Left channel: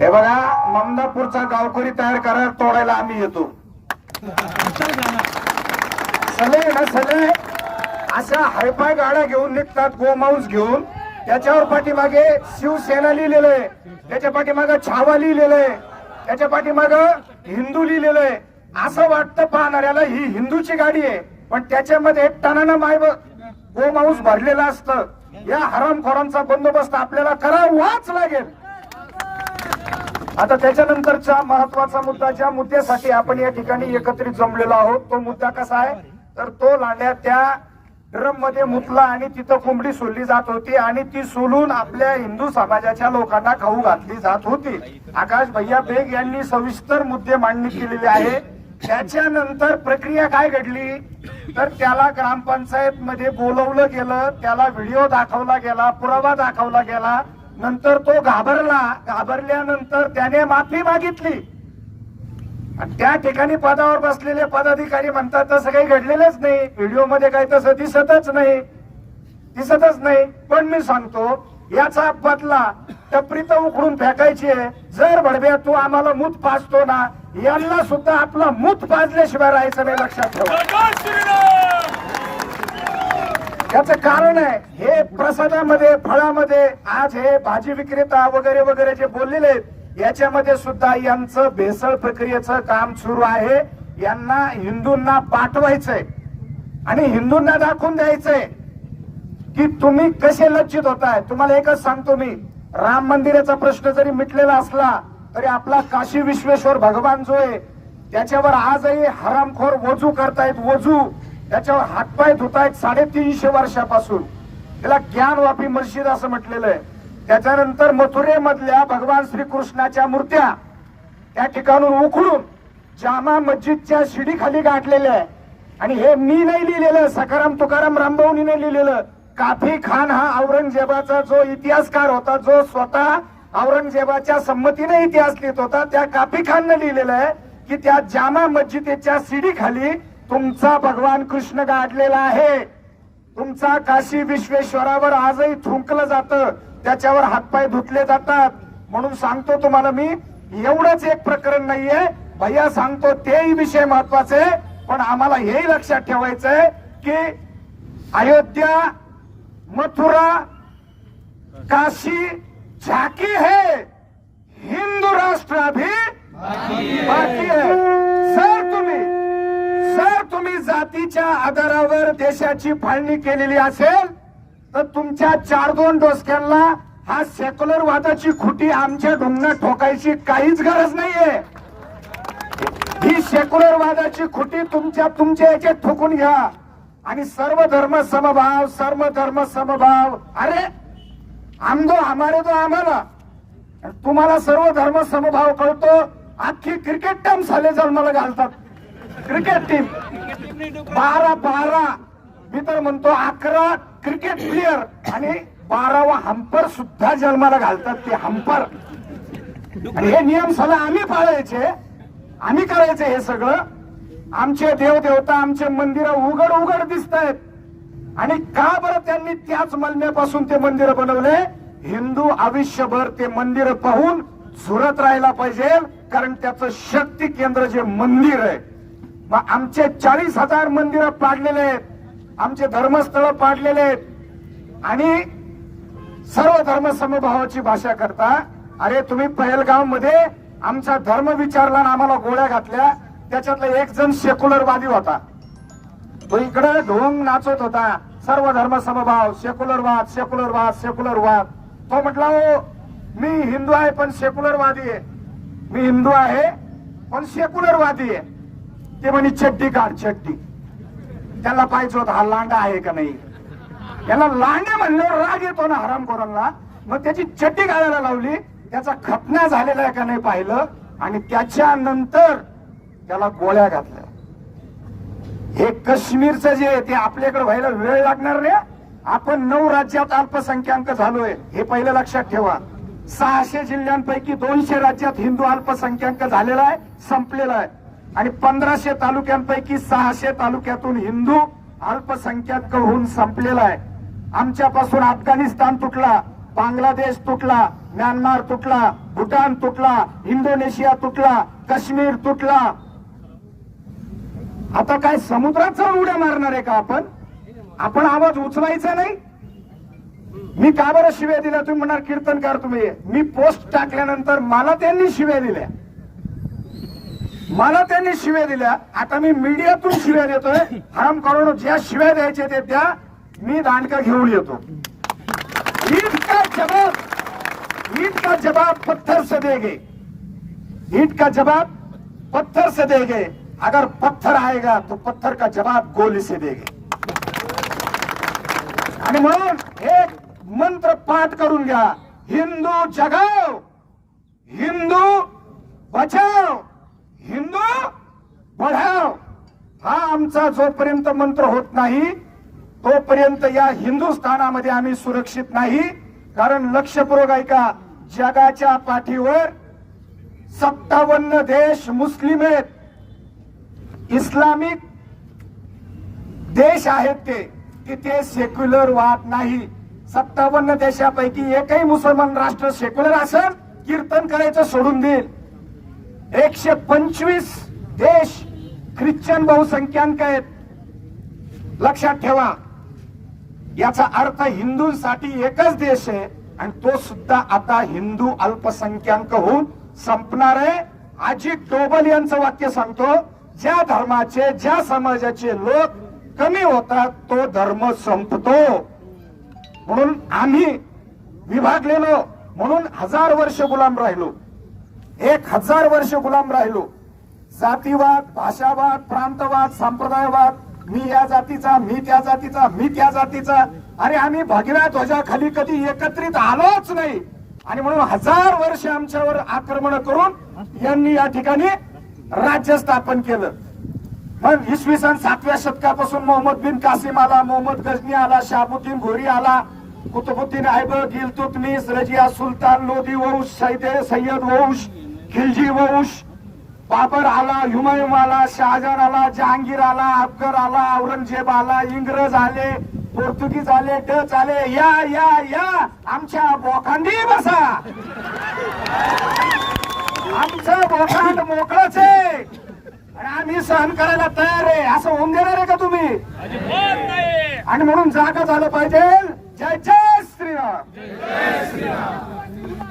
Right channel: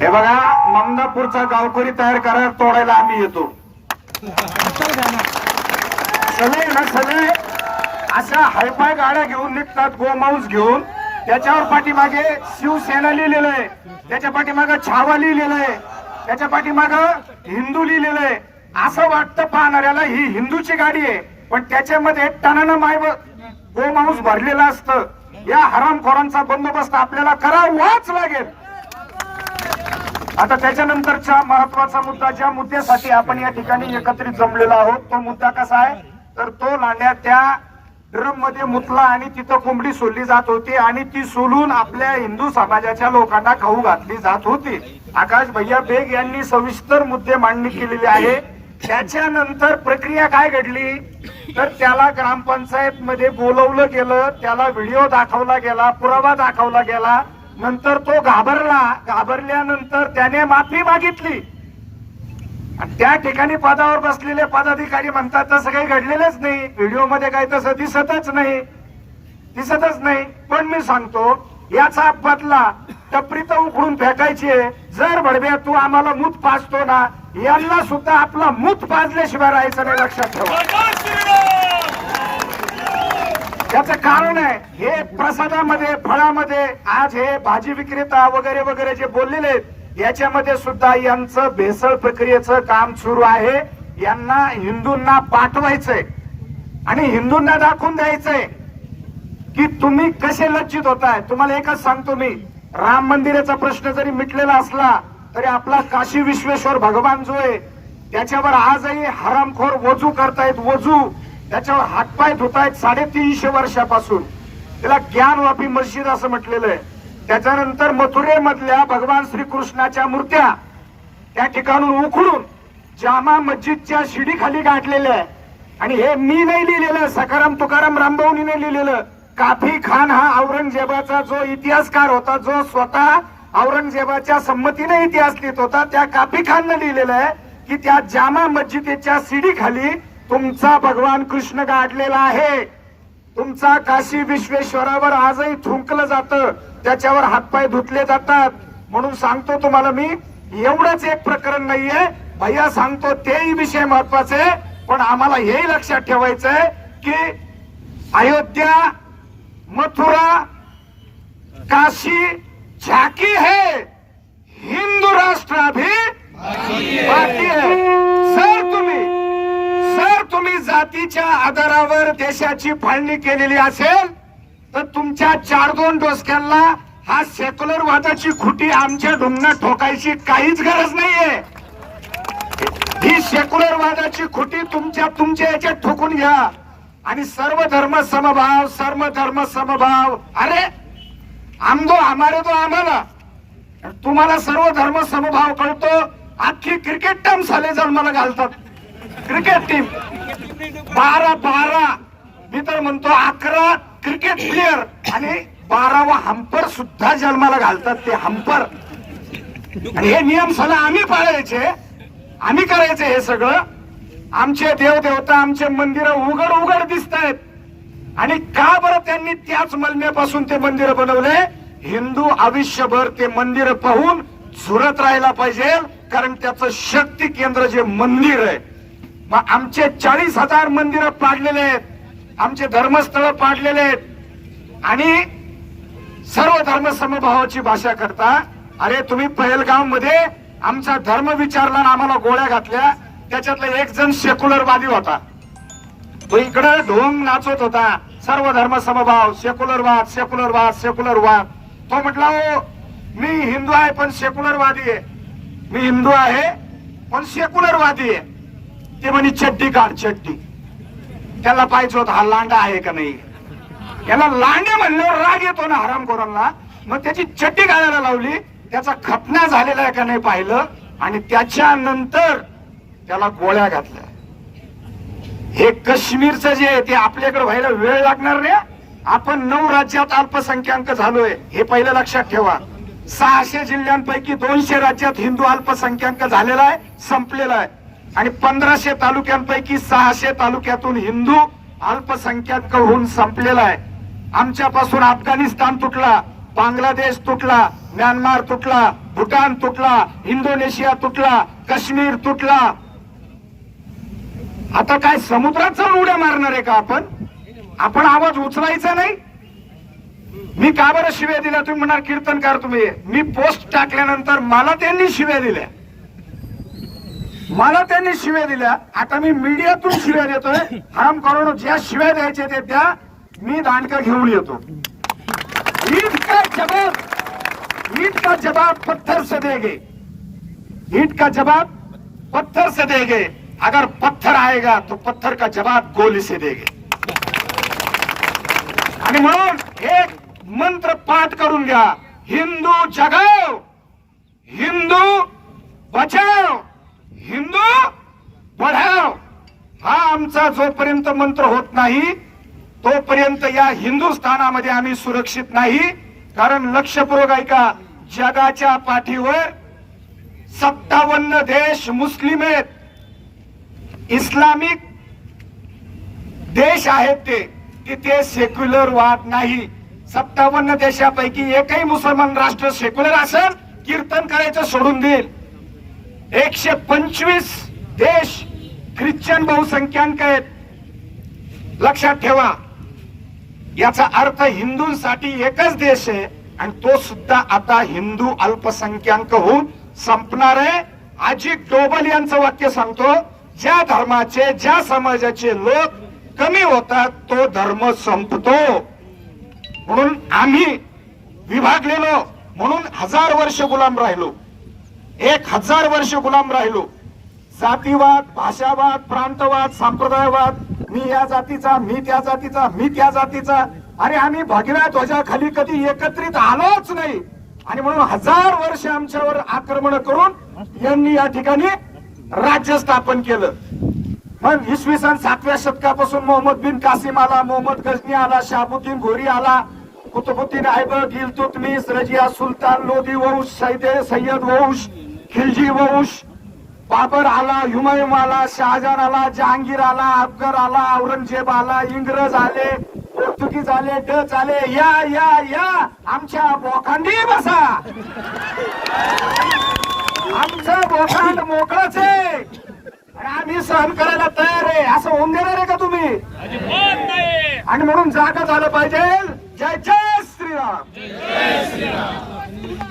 हे बघा ममदापूरचा गावकरी तयार करा तोडायला आम्ही येतो. सगळे ना सगळे अशा हायफाय गाड्या घेऊन निघतात गोमांस घेऊन. त्याच्यावर पाठीमागे शिवसेना लिहिलेलं आहे. त्याच्या पाठीमागे छावा लिहिलेलं आहे. त्याच्या पाठीमागे हिंदू लिहिलेलं आहे. असं वाटतं पाहणाऱ्याला ही हिंदूची गाडी आहे. पण त्याच्यामध्ये टनानं माय गोमांस भरलेलं असतं. या हरामखोरांचा बंदोबस्त आपल्याला करावाच लागेल. आता त्याच्यानंतरच्या महत्त्वाचा मुद्दा ज्या मुद्द्यासाठी आपण या ठिकाणी एकत्रित जमलेलो आहोत तो मुद्दा कसा आहे? तर तो लांड्या त्या ड्रममध्ये मुतला आणि तिथं कोंबडी सोडली जात होती आणि ती सोलून आपल्या हिंदू समाजाच्या लोकांना खाऊ घातली जात होती. आकाश भैया बेग यांनी सविस्तर मुद्दे मांडणी केलेली आहे. त्याच्यानंतर प्रक्रिया काय घडली? तर त्याला ग्रामपंचायत मध्ये बोलवलं गेलं त्याला व्हिडिओ दाखवला गेला पुरावा दाखवला गेला. नंतर तो घाबरला. घाबरल्यानंतर त्याने माफी मागितली. त्या ठिकाणी पदावर बसलेले पदाधिकारी म्हणतात तसं काही घडलेलंच नाही. व्हिडिओमध्ये काही तसं दिसतच नाही. दिसतच नाही. पण मी सांगतो याचा बदला टपरी तर उकडून फेकायची जर बडब्या तू आम्हाला मूत पाजतो ना यांना सुद्धा आपला मूत पाजल्याशिवाय राहायचं नाही लक्षात ठेवा. याचं कारण आहे हे प्रसादामध्ये फळामध्ये आज हे भाजी विक्रेता वगैरे वगैरे जे बोललेले आहेत याच्यामध्ये सुद्धा यांचं भेसळ प्रक्रियेचं काम सुरू आहे. यांना हिंदूंना पाठवायचंय. आणि हिंदूंना दाखवून द्यायचंय की तुम्ही कसे लज्जित होताय. तुम्हाला एकच सांगतो मी. राम मंदिराचा प्रश्न जरी मिटलेला असला तरी आपला काशी विश्वेश्वर भगवान जो आहे त्याच्यावर आजही हरामखोर वजू करतायत वजू. त्याच्यावर हातपाय धुतायत साडेतीनशे वर्षापासून. त्याला ज्ञानवापी मस्जिद असं म्हटलेलं आहे. त्याच्यानंतर मथुरेमधल्या भगवान श्रीकृष्णाच्या मूर्त्या त्या ठिकाणून उखडून जामा मस्जिदच्या शिडीखाली गाठलेल्या आहे. आणि हे मी नाही लिहिलेलं सकाराम तुकाराम रामभाऊनी नाही लिहिलेलं. काफी खान हा औरंगजेबाचा जो इतिहासकार होता जो स्वतः औरंगजेबाच्या संमतीने इतिहास लिहित होता त्या काफी खाननं लिहिलेलं आहे की त्या जामा मस्जिदीच्या सीडी खाली तुमचा भगवान कृष्ण गाडलेला आहे. तुमचा काशी विश्वेश्वरावर आजही थुंकलं जातं त्याच्यावर हातपाय धुतले जातात. म्हणून सांगतो तुम्हाला मी एवढंच एक प्रकरण नाहीये. भैया सांगतो तेही विषय महत्त्वाचे पण आम्हाला हेही लक्षात ठेवायचंय की अयोध्या मथुरा काशी झाकी है। हिंदू राष्ट्र अभी बाकी है। सर तुम्ही सर तुम्ही जातीच्या आधारावर देशाची फाळणी केलेली असेल तर तुमच्या चार दोन डोसक्यांना हा सेक्युलर वादाची खुटी आमच्या ढुंगणात ठोकायची काहीच गरज नाहीये. ही सेक्युलर वादाची खुटी तुमच्या तुमच्या याच्यात ठोकून घ्या. आणि सर्व धर्म समभाव सर्व धर्म समभाव. अरे आमदो आम्हाला तो आम्हाला. तुम्हाला सर्व धर्म समभाव कळतो. अख्खी क्रिकेट टीम साले जन्माला घालतात. क्रिकेट टीम बारा बारा. मी तर म्हणतो अकरा क्रिकेट प्लेअर आणि बारावा हंपर सुद्धा जन्माला घालतात ते हंपर आणि हे नियम सगळं आम्ही पाळायचे. आम्ही करायचे हे सगळं. आमचे देवदेवता आमचे मंदिर उघड उघड दिसत आहेत आणि का बरं त्यांनी त्याच मलम्यापासून ते मंदिर बनवले? हिंदू आयुष्यभर ते मंदिर पाहून झुरत राहायला पाहिजे कारण त्याचं शक्ती केंद्र जे मंदिर आहे. मग आमचे चाळीस हजार मंदिरं पाडलेले आहेत. आमचे धर्मस्थळ पाडलेले आहेत. आणि सर्व धर्म समभावाची भाषा करता अरे तुम्ही पहलगावमध्ये आमचा धर्म विचारला आम्हाला गोळ्या घातल्या त्याच्यातला एक जण सेक्युलरवादी होता. तो इकडे ढोंग नाचत होता. सर्व धर्म समभाव सेक्युलरवाद सेक्युलरवाद सेक्युलरवाद तो म्हटला हो मी हिंदू आहे पण सेक्युलरवादी आहे. मी हिंदू आहे पण सेक्युलरवादी आहे. ते म्हणे चड्डी काढ चड्डी. त्याला पाहिजे होता हा लांडा आहे का नाही? याला लांडे म्हणल्यावर राग येतो ना हरामखोरांना. मग त्याची चड्डी घालायला लावली. त्याचा खतना झालेला आहे का नाही पाहिलं. आणि त्याच्यानंतर त्याला गोळ्या घातल्या. हे काश्मीरचं जे आहे ते आपल्याकडे व्हायला वेळ लागणार नाही. आपण नऊ राज्यात अल्पसंख्याक झालोय हे पहिलं लक्षात ठेवा. सहाशे जिल्ह्यांपैकी दोनशे राज्यात हिंदू अल्पसंख्याक झालेला आहे संपलेला आहे. आणि पंधराशे तालुक्यांपैकी सहाशे तालुक्यातून हिंदू अल्पसंख्याक होऊन संपलेला आहे. आमच्यापासून अफगाणिस्तान तुटला बांगलादेश तुटला म्यानमार तुटला भूटान तुटला इंडोनेशिया तुटला काश्मीर तुटला. आता काय समुद्रात जाऊन उड्या मारणार आहे का आपण? आपण आवाज उचलायचा नाही? मी का बरं शिव्या दिल्या? तुम्ही म्हणणार कीर्तनकार तुम्ही. मी पोस्ट टाकल्यानंतर मला त्यांनी शिव्या दिल्या. मला त्यांनी शिव्या दिल्या. आता मी मीडियातून शिव्या देतोय. हराम करून ज्या शिव्या द्यायच्या ते त्या मी दांडका घेऊन येतो. ईद का जवाब ईद का जवाब पत्थर से देगे ईद का पत्थर से देगे अगर पत्थर आएगा तो पत्थर का जवाब गोली से देंगे। आणि म्हणून एक मंत्र पाठ करून घ्या हिंदू जगाव हिंदू बचाव हिंदू बढाव हा आमचा जोपर्यंत मंत्र होत नाही तोपर्यंत या हिंदुस्थानामध्ये आम्ही सुरक्षित नाही. कारण लक्षपूर्वक ऐका जगाच्या पाठीवर सत्तावन्न देश मुस्लिम आहेत. इस्लामिक देश आहेत ते तिथे सेक्युलर वाद नाही. सत्तावन्न देशापैकी एकही मुसलमान राष्ट्र सेक्युलर असेल कीर्तन करायचं सोडून देईल. एकशे पंचवीस देश ख्रिश्चन बहुसंख्याक आहेत. लक्षात ठेवा. याचा अर्थ हिंदूंसाठी एकच देश आहे आणि तो सुद्धा आता हिंदू अल्पसंख्याक होऊन संपणार आहे. अजित डोबल यांचं वाक्य सांगतो ज्या धर्माचे ज्या समाजाचे लोक कमी होतात तो धर्म संपतो. म्हणून आम्ही विभागलेलो. म्हणून हजार वर्ष गुलाम राहिलो. एक हजार वर्ष गुलाम राहिलो. जातीवाद भाषावाद प्रांतवाद संप्रदायवाद मी या जातीचा मी त्या जातीचा मी त्या जातीचा. अरे आम्ही भगव्या ध्वजाखाली कधी एकत्रित आलोच नाही. आणि म्हणून हजार वर्ष आमच्यावर आक्रमण करून यांनी या ठिकाणी राज्य स्थापन केलं. मग इसवी सन सातव्या शतकापासून मोहम्मद बिन कासिम आला मोहम्मद गजनी आला शाबुद्दीन घोरी आला कुतुबुद्दीन ऐबक इल्तुतमिस रजिया सुलतान लोधी वंश सैदे सय्यद वंश खिलजी वंश बाबर आला हुमायूम आला शहाजहान आला जहांगीर आला अफगर आला औरंगजेब आला इंग्रज आले पोर्तुगीज आले डच आले या या या आमच्या बोखांडी बसा. आमचं बोखांड मोकळच आहे. आणि आम्ही सहन करायला तयार आहे. असं होऊन देणार आहे का तुम्ही? आणि म्हणून जागा झालं पाहिजे. जय जय श्रीराम.